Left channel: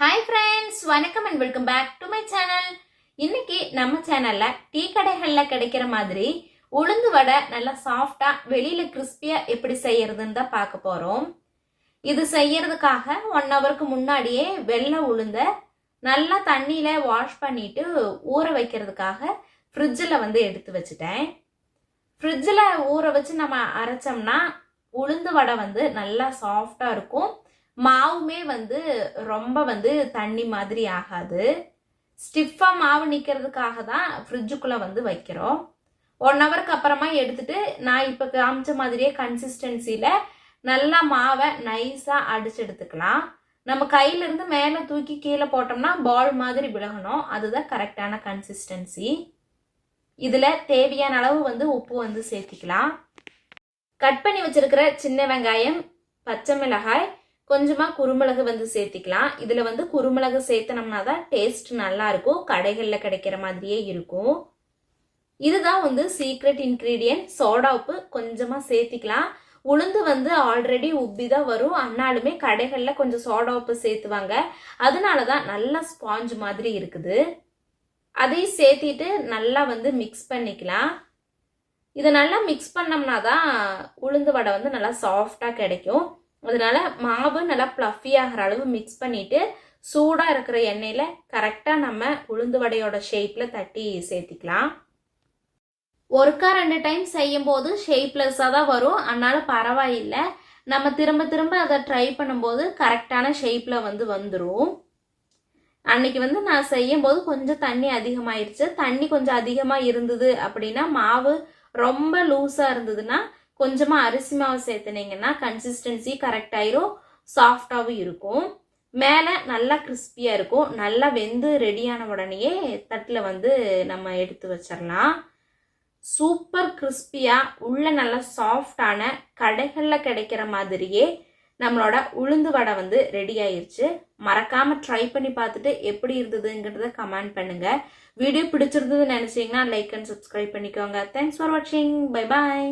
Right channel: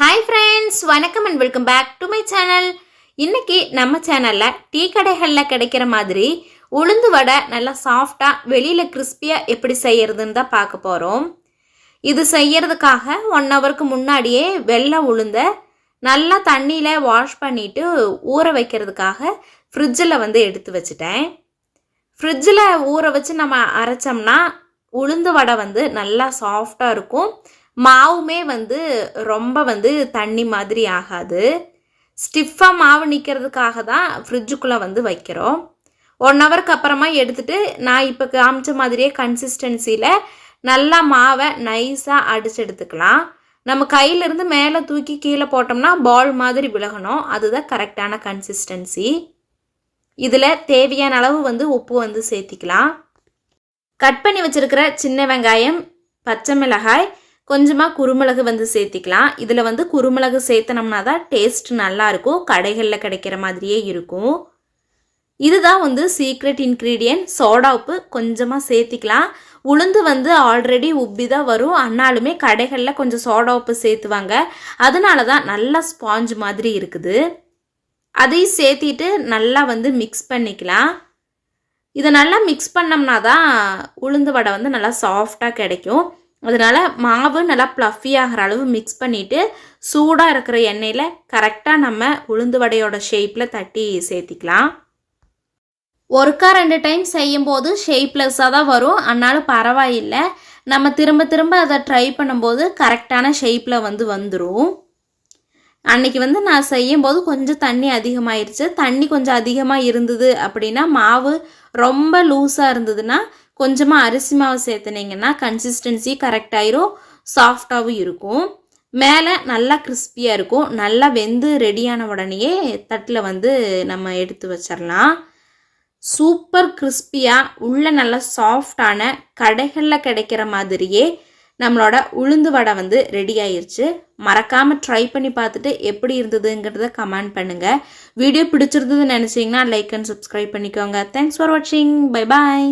Hi friends, வணக்கம் and welcome back to my channel. இன்னைக்கு நம்ம சேனலில் டீ கடைகளில் கிடைக்கிற மாதிரி உளுந்து வடை நல்லா சாஃப்டாக வெளியில் கிறிஸ்பியாக எப்படி செய்யறதுன்னு தான் பார்க்க போகிறோம். இது செய்யறதுக்காக 1 ஹவருக்கு முன்னாடியே வெள்ளை உளுந்த நல்லா தண்ணியில் வாஷ் பண்ணிவிட்டு ஊற வைக்கிறதுக்காக ஃப்ரிட்ஜில் எடுத்து வச்சுட்டேன். ஃப்ரிட்ஜில் ஊற வச்சு நம்ம அரைச்சோம்னா உளுந்து வடை நல்லா சாஃப்டாக இருக்கும். மாவுமே ரொம்ப தண்ணி மாதிரி ஆகாது. ஸ்டிஃபாக மாவு நிற்கிறதுக்காக தான் ஃப்ரிட்ஜுக்குள்ளே வைக்கிறோம். 1 ஹவருக்கு அப்புறமா எடுத்துகிட்டு நான் இப்போ காமிச்ச மாதிரியே கன்சிஸ்டன்சியில் நல்லா மாவை நைஸாக அடிச்சு எடுத்துக்கலாம். நம்ம கையிலேருந்து மேலே தூக்கி கீழே போட்டோம்னா பால் மாதிரி விலகணும். அதுதான் கரெக்டான கன்சிஸ்டன்சி. இதில் தேவையான அளவு உப்பு சேர்த்திக்கலாம். கட் பண்ணி வச்சுருக்கிற சின்ன வெங்காயம், பச்சை மிளகாய், கொஞ்சமாக குருமிளகு சேர்த்திக்கலாம். இதில் குருமிளகு சேர்த்தனோம்னா தான் டேஸ்ட் நல்லாயிருக்கும். கடைகளில் கிடைக்கிற மாதிரியே இருக்கும். இதுதான் சீக்ரெட் இன்க்ரீடியன்ட். சோடா உப்பு கொஞ்சமாக சேர்த்திக்கலாம். உளுந்து ஆல்ரெடி உப்பி தான் வரும். ஆனாலுமே கடைகளில் கொஞ்சம் சோடா உப்பு சேர்த்துவாங்க. அதனால தான் நல்லா ஸ்பாஞ்ச் மாதிரி இருக்குது. அதையும் சேர்த்திட்டு நல்லா மிக்ஸ் பண்ணிக்கலாம். இதை நல்லா மிக்ஸ் பண்ணோம்னா தான் உளுந்து வடை நல்லா சாஃப்டாக கிடைக்கும். அதனால் மாவு நல்லா ப்ளஃபி ஆகிற அளவு மிக்ஸ் பண்ணிவிட்டு சூடாக இருக்கிற எண்ணெயில் கரெக்டாக நம்ம உளுந்து வடையோட ஷேப்பில் தட்டி சேர்த்திக்கலாம். 1-2 டைம் செய்யும்போது ஷேப்லெஸ்ஸாக தான் வரும். ஆனாலும் பரவாயில்லை. நம்ம திரும்ப திரும்ப அதை ட்ரை பண்ணும்போது கரெக்டான ஷேப்பில் வந்துடும். அன்றைக்கி நான் செய்யும்போது கொஞ்சம் தண்ணி அதிகமாகிடுச்சு. தண்ணி கொஞ்சம் அதிகமாக இருந்தது அப்படின்னா, மாவு ரொம்ப லூஸாக இருந்ததுன்னா கொஞ்சமாக அரிசி மாவு சேர்த்துனீங்கன்னா கன்சிஸ்டன்சி கரெக்டாயிரும், சாஃப்டாகவும் இருக்கும். மேலே நல்லா கிறிஸ்பியாக இருக்கும். நல்லா வெந்து ரெடியான உடனேயே தட்டில் நம்ம எடுத்து வச்சிடலாம். சூப்பர் கிறிஸ்பியாக உள்ள நல்லா சாஃப்டான கடைகளில் கிடைக்கிற மாதிரியே நம்மளோட உளுந்து வடை ரெடி ஆயிடுச்சு. மறக்காமல் ட்ரை பண்ணி பார்த்துட்டு எப்படி இருந்ததுங்கிறத கமெண்ட் பண்ணுங்கள். வீடியோ பிடிச்சிருந்ததுன்னு நினச்சிங்கன்னா லைக் அண்ட் சப்ஸ்கிரைப் பண்ணிக்கோங்க. தேங்க்ஸ் ஃபார் வாட்சிங். Bye bye.